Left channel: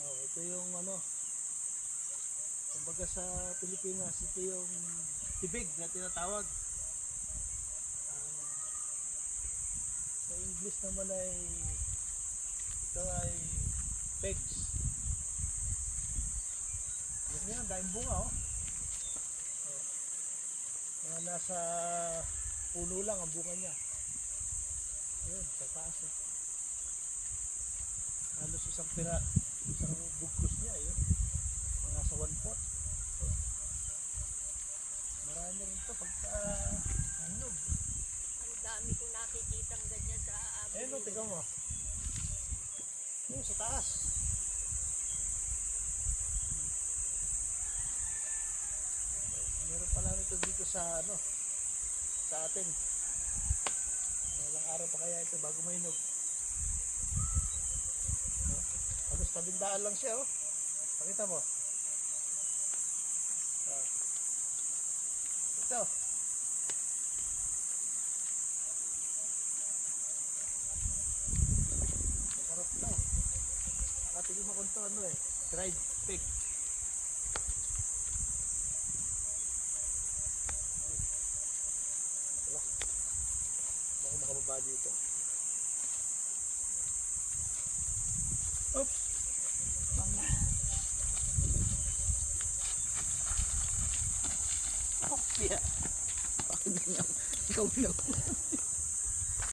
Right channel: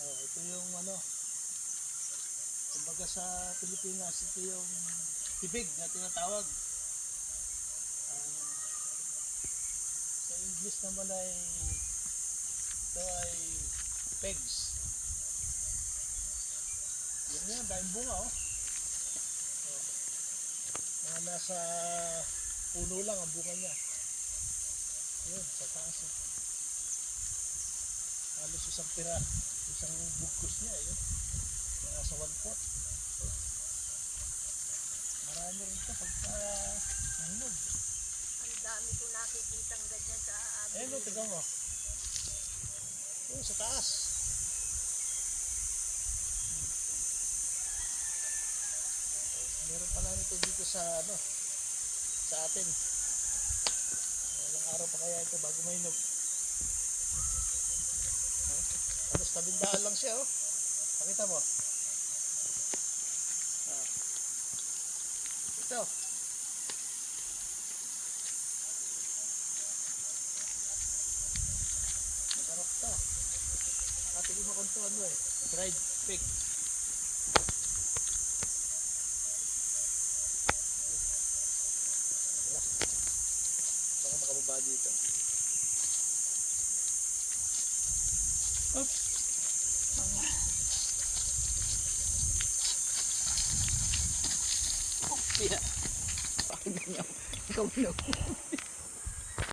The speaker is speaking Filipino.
Oh, ito yung ano, kumbaga sa Pilipinas, ito yung tibig na tinatawag. Sa English naman ay ito ay pegs. Yan, dahil bunga oh. Oh. Mga nasa puno lang ang bunga niya. Ayun, sa taas oh. Halos isang bugkos niya yun. Mga sa 1/4. Marami rin ito pagka mahinog. Ang dami ko nakikitang ganyan sa amin. Eh no, tignan mo. Yung sa taas. Meron pala nito dito sa ano, sa atin. Ilang araw pa kaya ito bago mahinog. Halos tabindaan lang siya oh. Pakita mo. Ito. Masarap na. Nakatigil mo kung ito ano eh. Dried pig. Wala. Baka makababa dito. Oops. Yeah. Bakit ganyan? Ikaw na.